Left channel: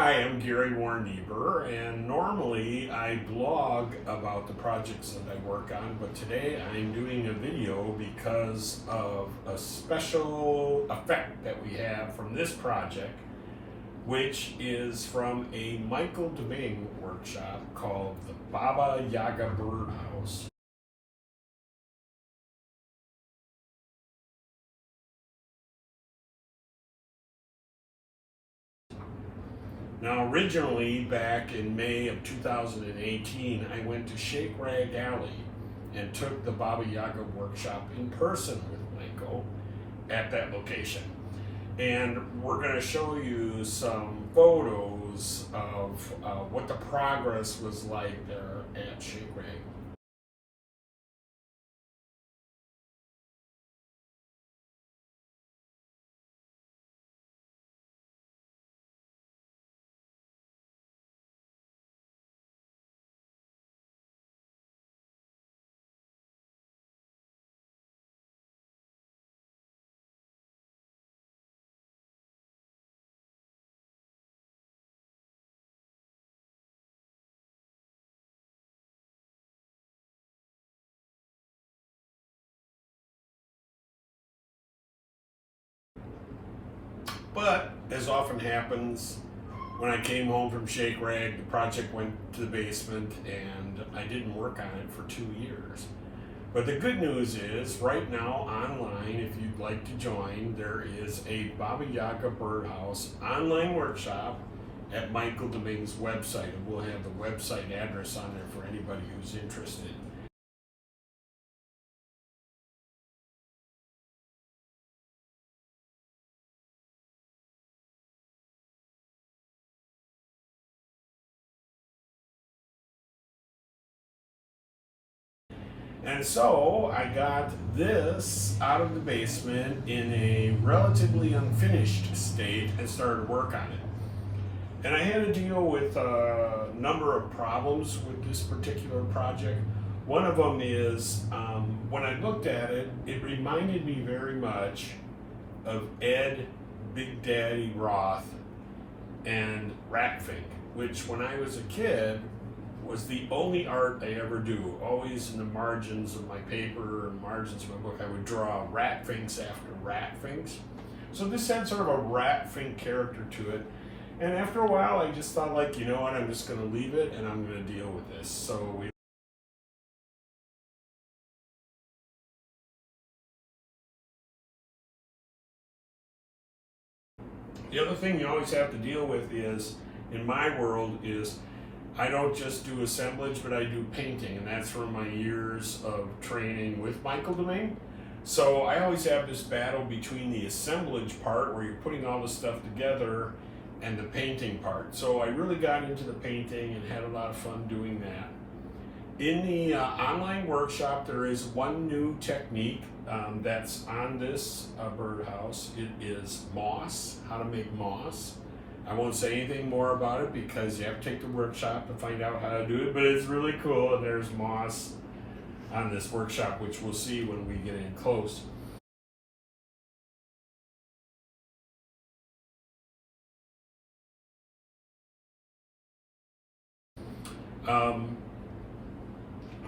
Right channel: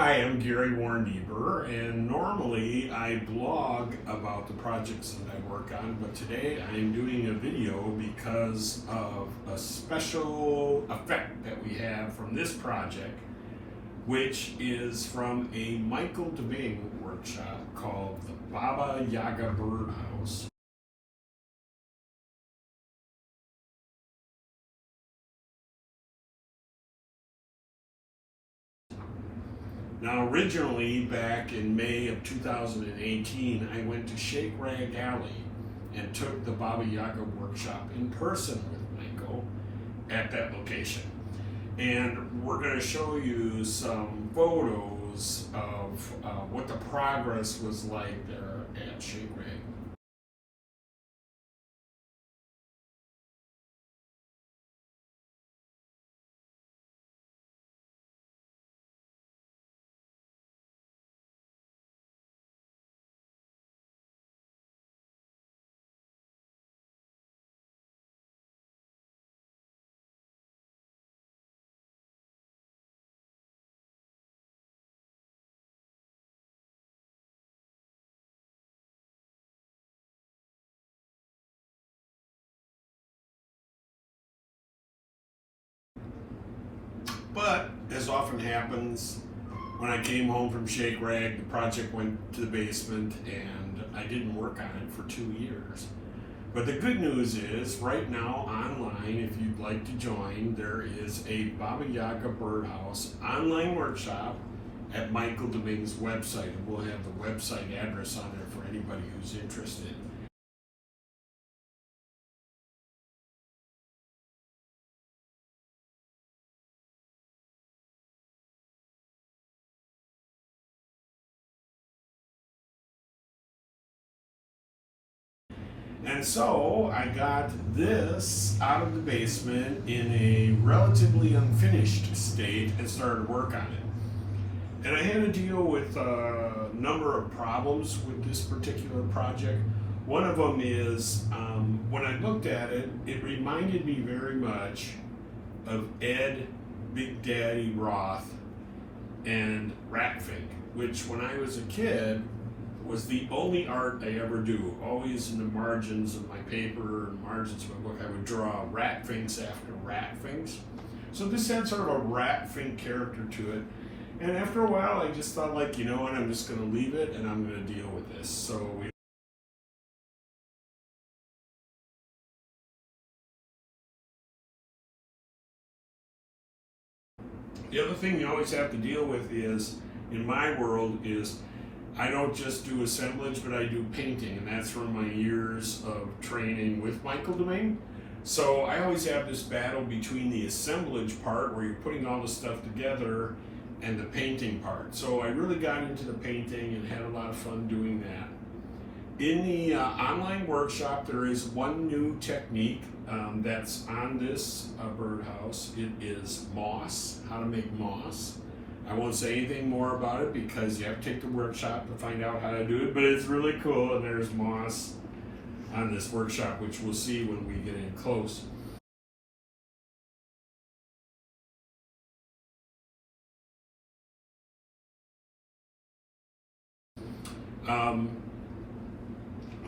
Hi, I'm Gary Warneber, and normally I blog about the projects that I work on, but today I'm doing a video because of a special effect that we have from this project, which is from a Michael deMeng workshop called the Baba Yaga Birdhouse. Now, originally, back in May of 2018, I went to Shake Rag Alley and took the Baba Yaga workshop in person with Michael at that location. And we're going to show you some photos of what the progress was like there at Shake Rag. But as often happens, when I came home from Shake Rag, the project went to the basement and I didn't work on it for 2 years. But the good news is, right now online, if you'd like to join, there is a Baba Yaga Birdhouse online workshop at Michael deMeng's website. And we'll have the website address on there for anybody who's interested. And so I got this out of the basement in a relatively unfinished state and started to work on it. And I had to deal with a number of problems with this particular project. One of them is when I looked at it, it reminded me very much of Ed Big Daddy Roth and Ratfink, which when I was a kid was the only art I ever do. Always in the margins of my paper and margins of my book, I would draw Ratfinks after Ratfinks. So this had sort of a Ratfink character to it. And after a while, I just thought, like, you know what, I'm just going to leave it and I'm going to deal with this. So the other thing you always have to deal with is, in my world, is I don't just do assemblage, but I do painting, and that's from my years of training with Michael deMeng. So I always have this battle between the assemblage part, where you're putting all the stuff together, and the painting part. So I really got into the painting and had a lot of fun doing that. In the online workshop, there is one new technique that's on this birdhouse. It is moss, how to make moss. I won't say anything more about it because you have to take the workshop to find out how to do it, but it's really cool, and there's moss on this workshop, which we'll see when we get in close.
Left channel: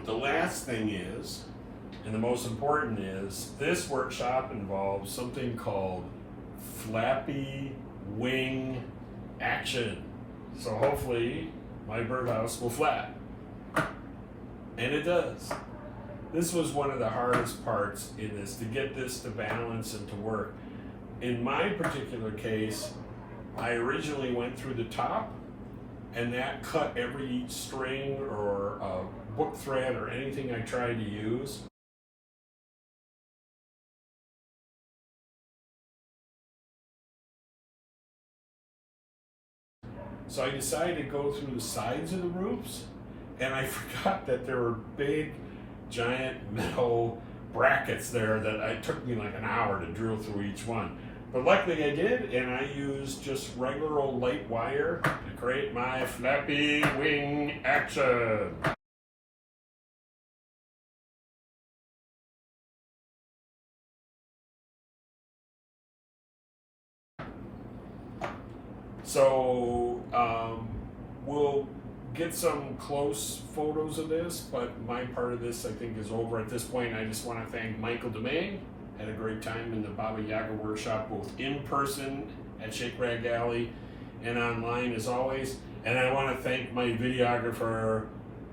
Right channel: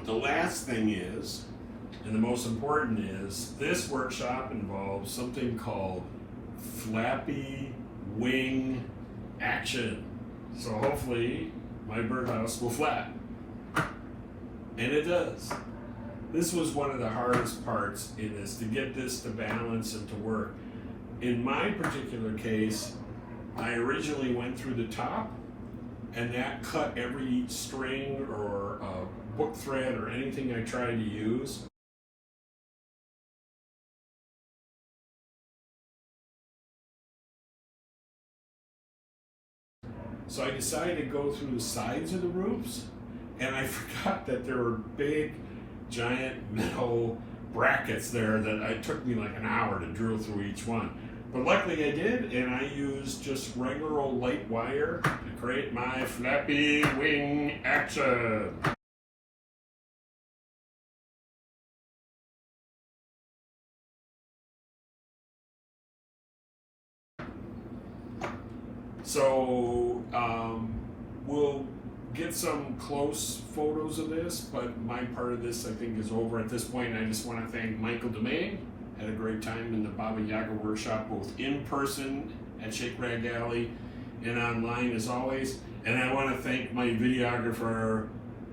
The last thing is, and the most important is, this workshop involves something called Flappy Wing Action. So hopefully my birdhouse will flap. And it does. This was one of the hardest parts, is to get this to balance and to work. In my particular case, I originally went through the top, and that cut every string or book thread or anything I tried to use. So I decided to go through the sides of the roofs, and I forgot that there were big, giant metal brackets there that it took me like an hour to drill through each one. But luckily I did, and I used just regular old light wire to create my Flappy Wing Action. So we'll get some close photos of this, but my part of this I think is over at this point. I just want to thank Michael deMeng. Had a great time in the Baba Yaga workshop, both in person at Shake Rag Alley and online as always. And I want to thank my videographer,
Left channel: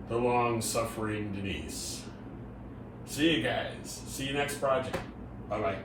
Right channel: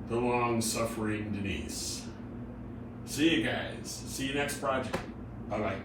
the long-suffering Denise. See you guys. See you next project. Bye-bye.